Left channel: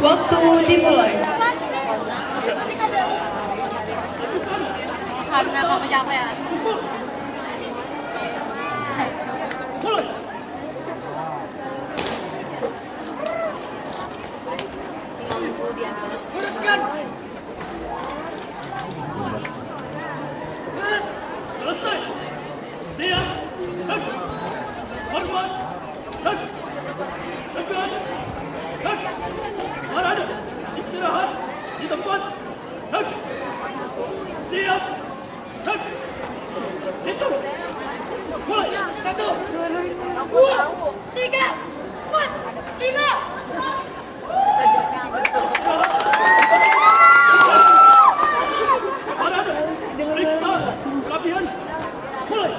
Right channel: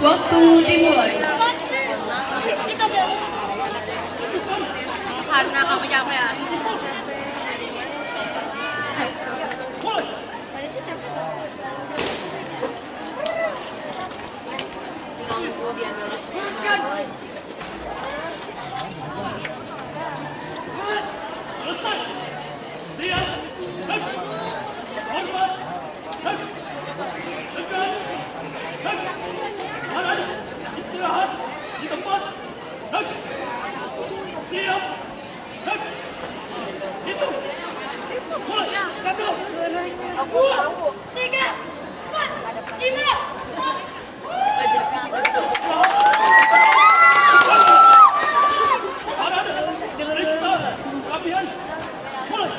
Waktu dimulai. Karena kamu capek ya. Luruskan. Lurus. Selesai. Siap. Hak. Hormat. Hak. Tegak. Hak. Badan. Istirahat di tempat. Hak. Siap. Hak. Hitung. Mulai. 1, 2, 3, 4, 5. Latihan, mulai.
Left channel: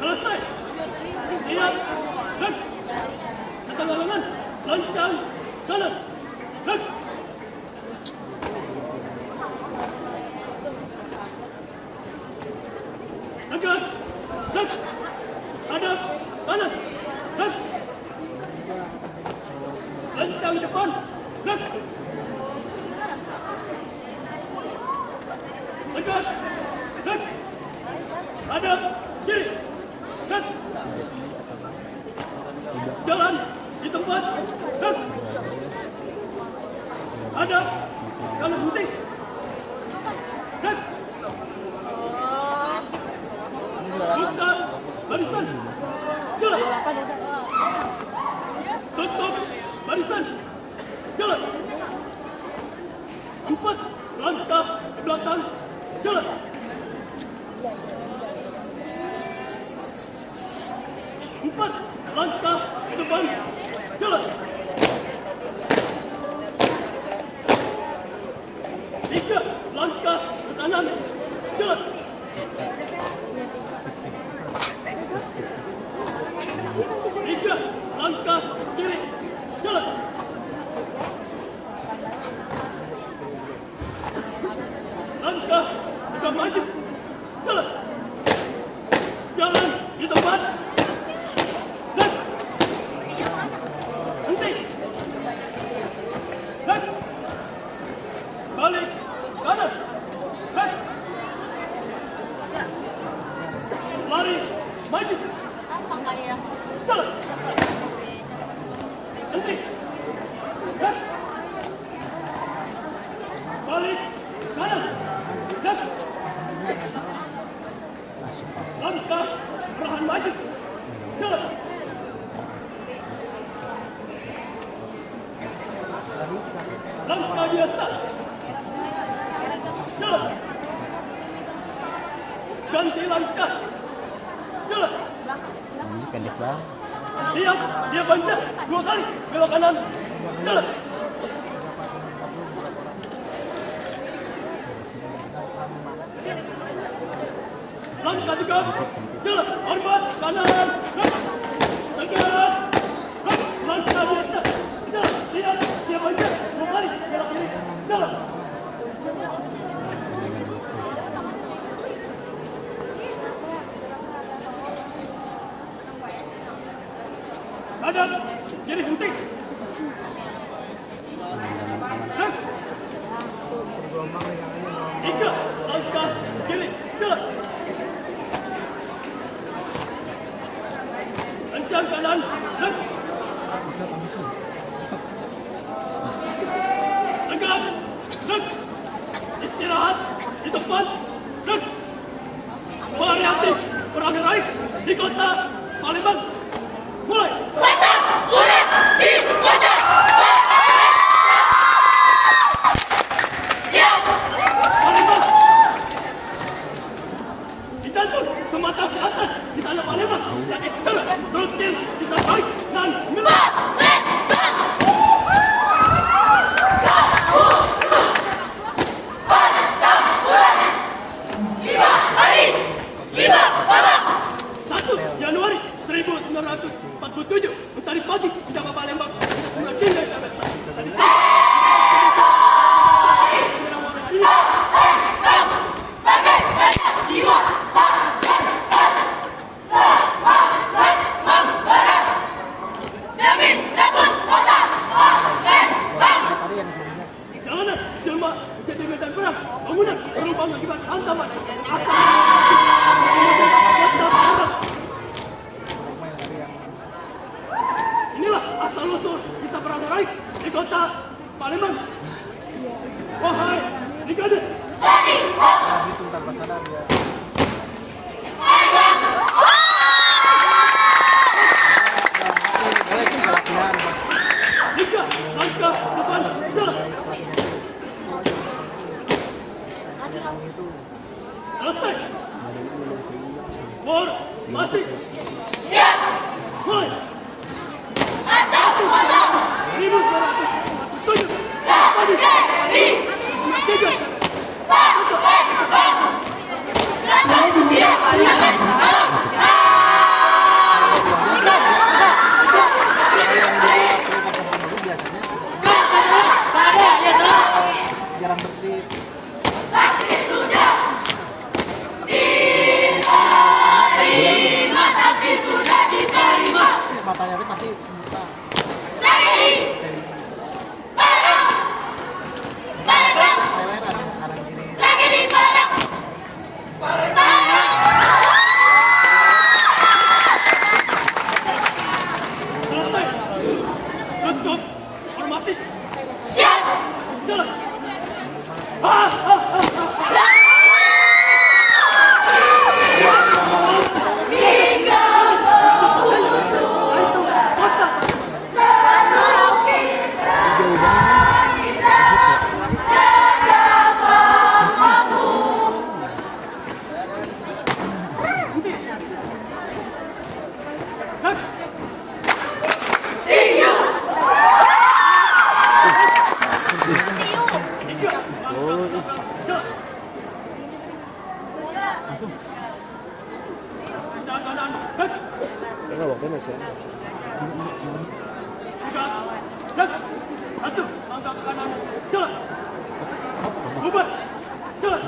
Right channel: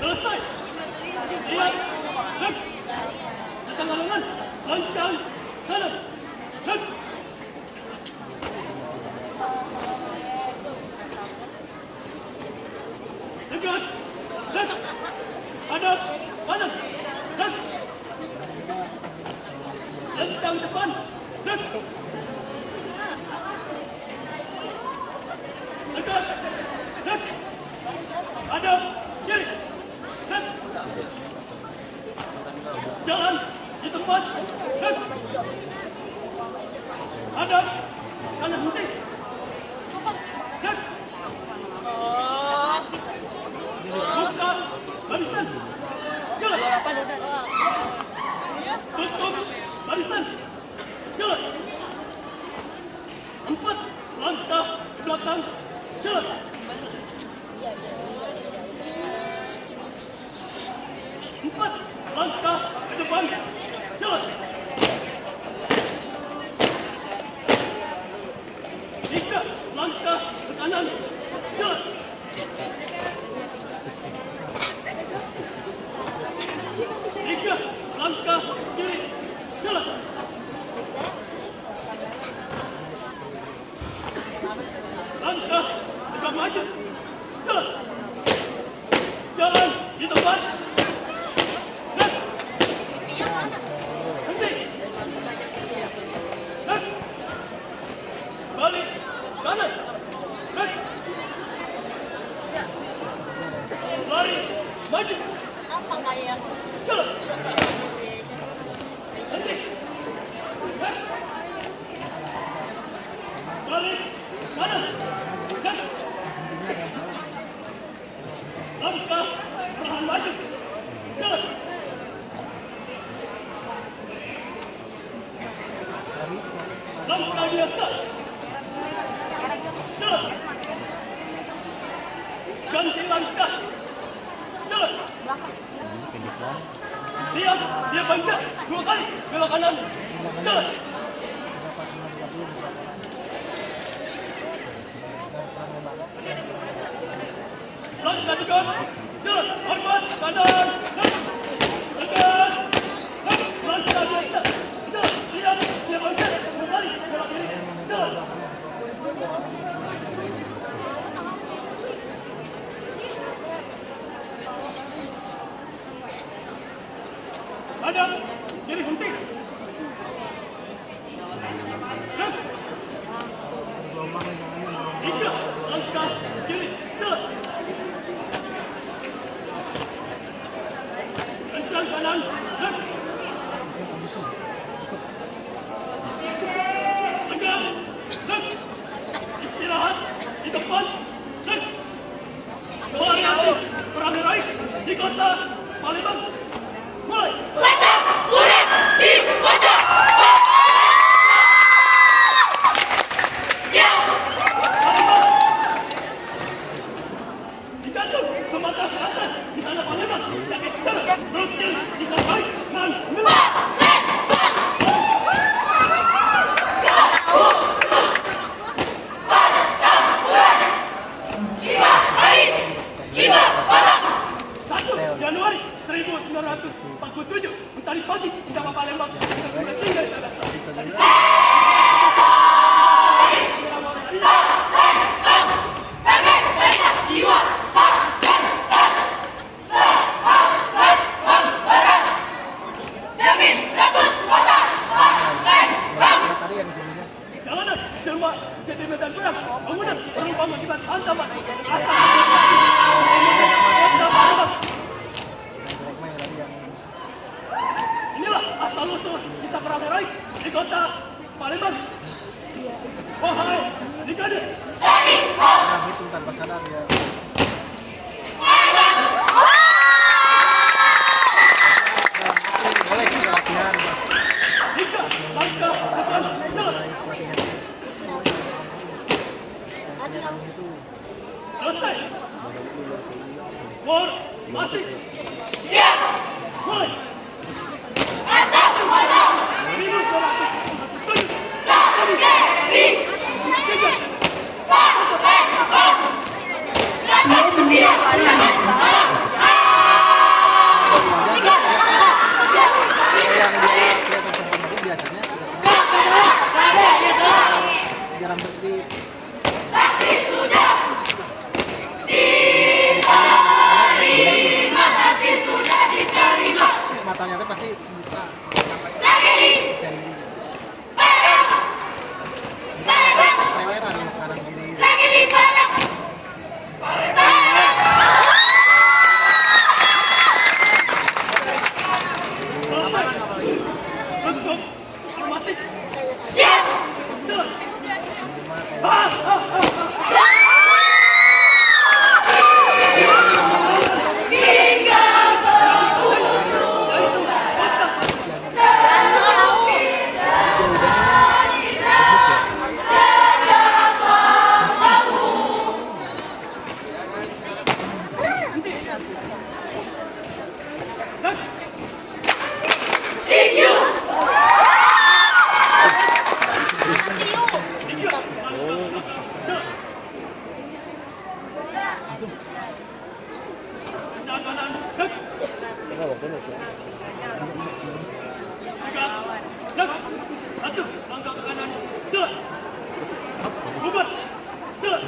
Selesai. Siap. Hak. Setengah lengan. Lancang. Kanan. Hak. Tegak. Hak. Hadap. Kanan. Hak. Lancang depan. Hak. Tegak. Hak. Hadap. Kiri. Hak. Jalan di tempat. Hak. Hadap. Kanan henti. Hak. Buka barisan. Jalan. Tutup barisan. Jalan. 4 langkah ke belakang. Jalan. 4 langkah ke depan. Jalan. 3 langkah ke kanan. Jalan. 3 langkah ke kiri. Jalan. Langkah tegak maju. Jalan. Jalan di tempat. Hak. Henti. Hak. Balik. Kanan. Hak. Lari. Maju. Apa kayak Jalan. Henti. Hak. Balik. Kanan. Hak. Langkah perlahan maju. Jalan. Langkah biasa. Jalan. Ganti langkah. Jalan. Diam. Dia bancang 2 kali. Belok kanan. Jalan. Langkah 3. Jalan. Hormat. Kanan. Hak. Tegas. Hak. Langkah biasa. Jalan. Diam. Dia bancang 2 kali. Belok kiri. Jalan. Hadap. Kiri henti. Hak. 3 langkah kiri. Jalan. Kencang kanan. Hak. Tegak. Hak. Istirahat di tempat. Hak. Variasi perang raih di kota Palembang. Mulai. Murid di kota. Palembang. medan perang. Kemudian perubahan akibat hantaman. Inilah asal-usul kita beramai di kota Palembang. Wahai brigade, Itu tanpa sadar dia. Boleh kita latihan, Mas. jika langkah depan jalan. Selesai. Formasi. Siap. Mulai. Asap. 1247. Berdiri. 3. Siap. Pandangan. Arah. Kalau yang dia kelihatan sama biasanya jarang berdiri. Tapi sudah diterima. Matanya kan pasti buta. Lagi. Leweran sekarang gini. Lagi di barang. Selesai. Untuk formasi. Siap. Jalan. Satu, langkah ke kanan, jalan. Bubar, jalan.